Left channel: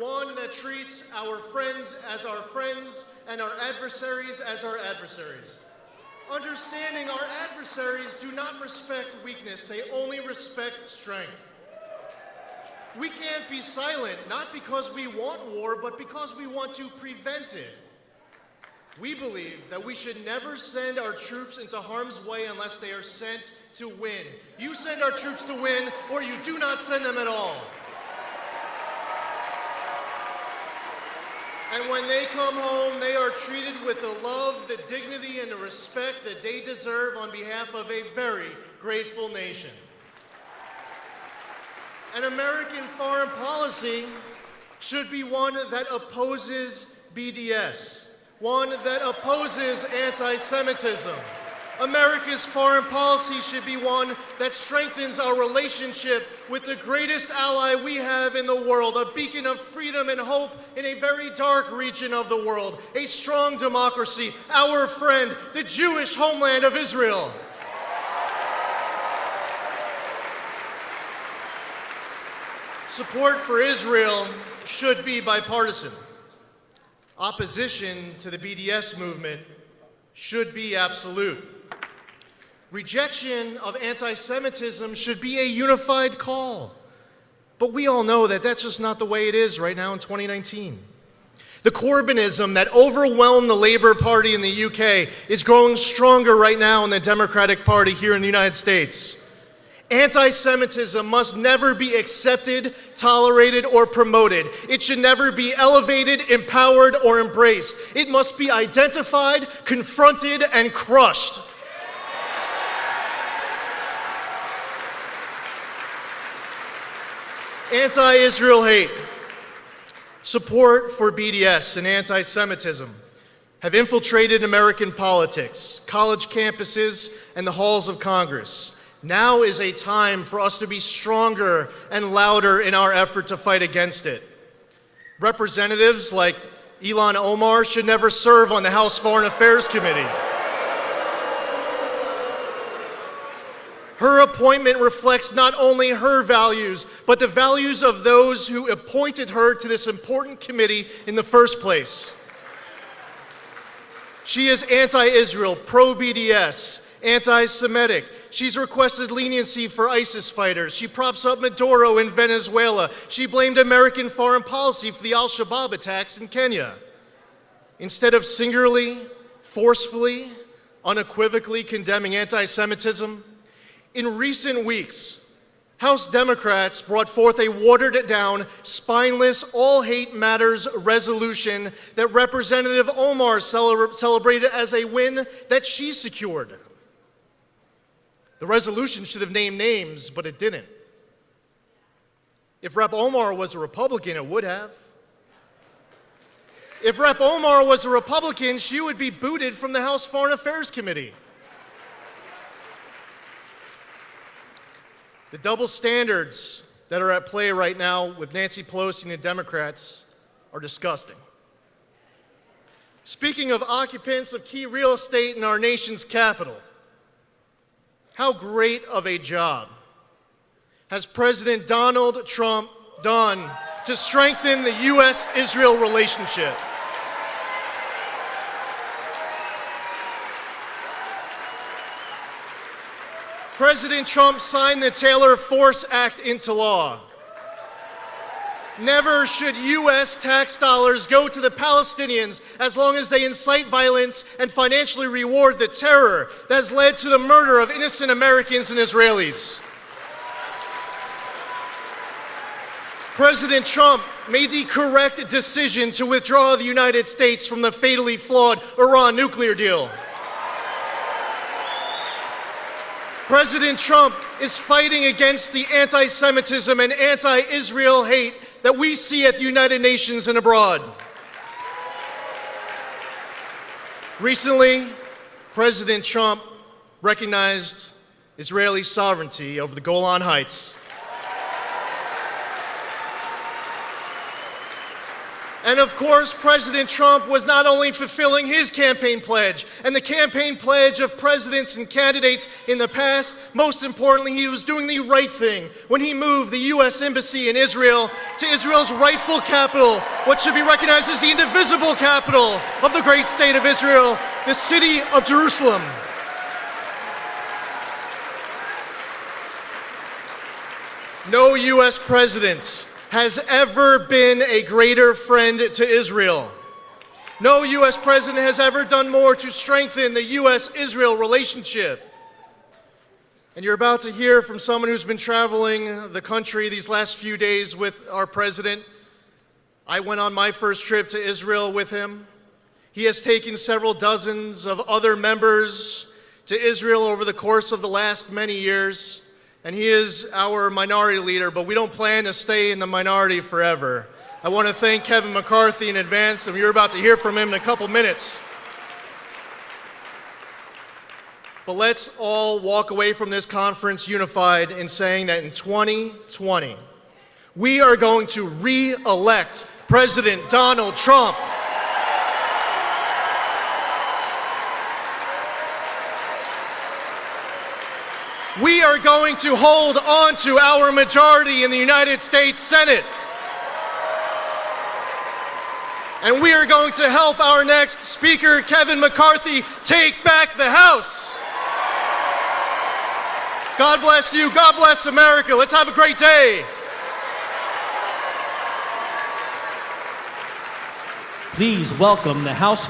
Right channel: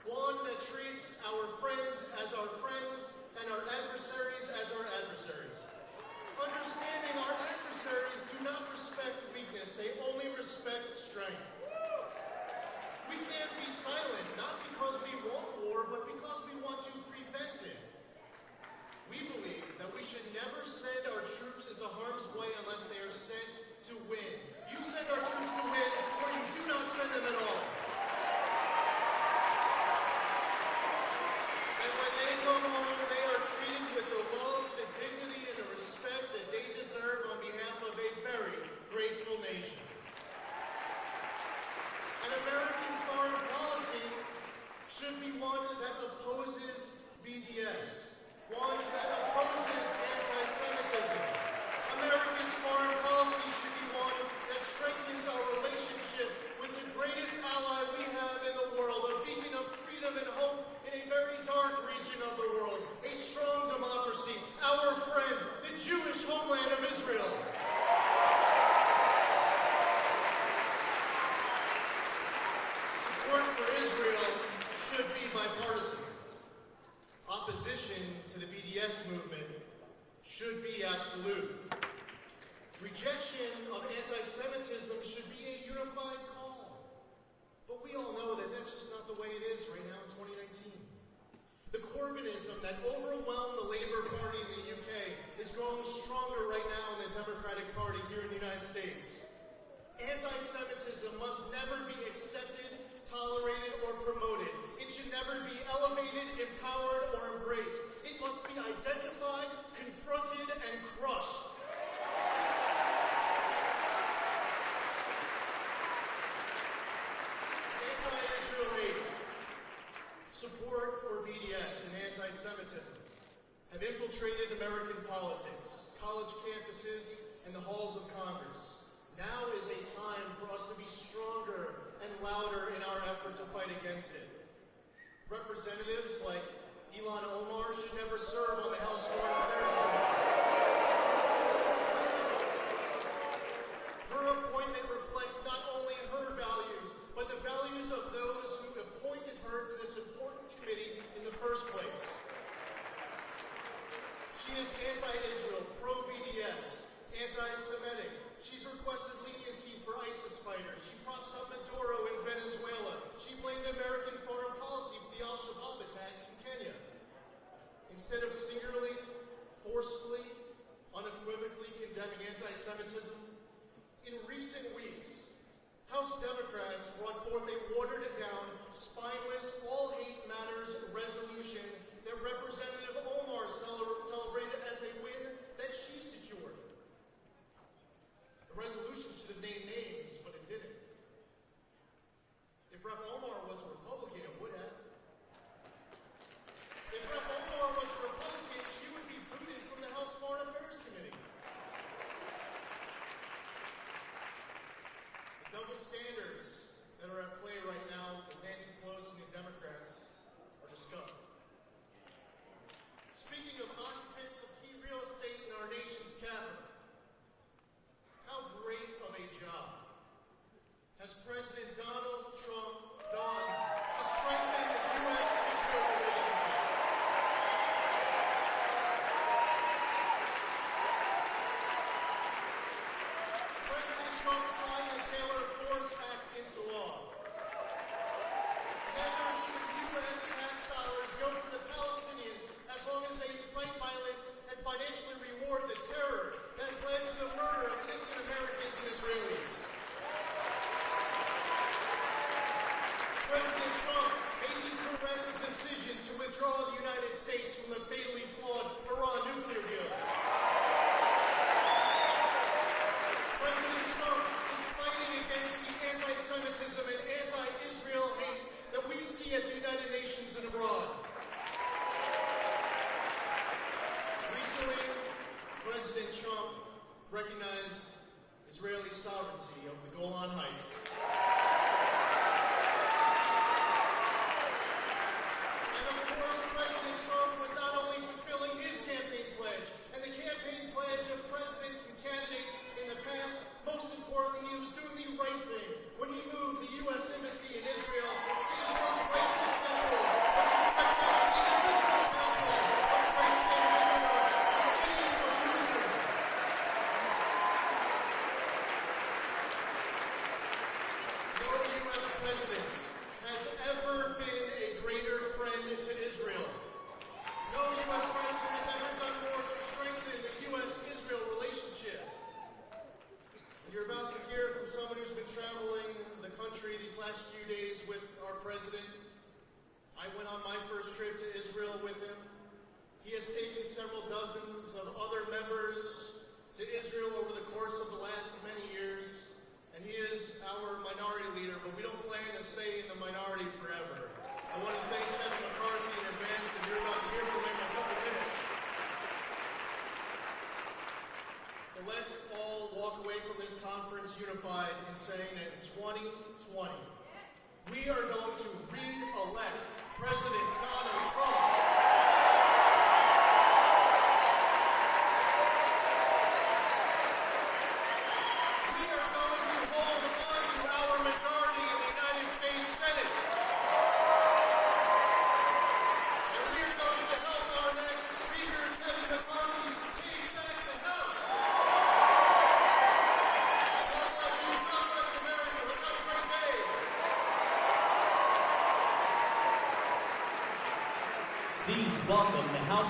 one that treats our friends as our friends and our adversaries as our adversaries. Understanding our adversaries do not respect weakness, they only respect strength. We can't be silent, not because we want war, but because we want to prevent it. We believe that we should never send our troops into harm's way unless they are sent to win. You send our troops to win, or you do not send them at all. And when they come home, they are treated with the love, the dignity, and the respect that they deserve on behalf of a very grateful nation. An American foreign policy should be one that opposes BDS, one that opposes anti-Semitism. America's foreign policy should be one that strengthens our relationship with the greatest ally we have in the world, a beacon of freedom and hope in a very dark region of the world, a strong democracy, our friend, the Jewish homeland of Israel. Support for Israel should be bipartisan. Opposition to the BDS movement should be absolute. Rejection of anti-Semitism should be a unified call. But we all know that that's just not the way it is right now in 2019. The Corbynism that overwhelmed the Labour Party in the UK is growing stronger right now in the Democratic Party here in the United States. Anti-Semitism must never be accepted, tolerated, or promoted. It should never be elevated, empowered, or embraced. It must be identified, confronted, and crushed. Anti-Israel hate, support for BDS, and anti-Semitism have infiltrated American politics, college campuses, and the halls of Congress. Now is a time for us to be stronger and louder in our effort to fight against it. Representatives like Ilhan Omar should never serve on the House Foreign Affairs Committee. Her appointment reflects not only her values, but the values of those who appointed her to this important committee in the first place. She is anti-Israel, pro-BDS, anti-Semitic. She's requested leniency for ISIS fighters. She props up Maduro in Venezuela. She blamed American foreign policy for the al-Shabaab attacks in Kenya. Instead of singularly, forcefully, unequivocally condemning anti-Semitism, in recent weeks, House Democrats brought forth a watered-down, spineless, all-hate matters resolution that Representative Omar celebrated as a win that she secured. The resolution should have named names, but it didn't. If Rep. Omar was a Republican, it would have. If Rep. Omar was a Republican, she would be booted from the House Foreign Affairs Committee. The double standards that are at play right now with Nancy Pelosi and the Democrats are disgusting. Speaking of occupants of key real estate in our nation's capital, how great of a job has President Donald Trump done to strengthen the U.S.-Israel relationship? President Trump signed the Taylor Force Act into law. Never should U.S. tax dollars go to the Palestinians as long as they incite violence and financially reward the terror that has led to the murder of innocent Americans and Israelis. President Trump made the correct decision to withdraw the United States from the fatally flawed Iran nuclear deal. President Trump is fighting against the anti-Semitism and anti-Israel hate that we see at the United Nations and abroad. Recently, President Trump recognized Israeli sovereignty over the Golan Heights. And of course, President Trump was not only fulfilling his campaign pledge and the campaign pledge of presidents and candidates in the past, most importantly, he was doing the right thing when he moved the U.S. Embassy in Israel to Israel's rightful capital, what should be recognized as the indivisible capital of the great state of Israel, the city of Jerusalem. No U.S. president has ever been a greater friend to Israel. No U.S. president has ever done more to strengthen the U.S.-Israel relationship. And you're about to hear from someone who's been traveling the country these last few days with our president. I went on my first trip to Israel with him. He has taken several dozens of other members to Israel over the course of the last many years. And he is our minority leader, but we don't plan to stay in the minority forever. I want to thank Kevin McCarthy in advance, and you're about to hear from him in a couple minutes. But let's all walk away from this conference unified in saying that in 2020, we are going to re-elect President Donald Trump. We are going to hold on to our majority in the United States Senate. And we are going to help our next speaker, Kevin McCarthy, take back the House. God bless you. God bless America. Let's have a great day. Please welcome the House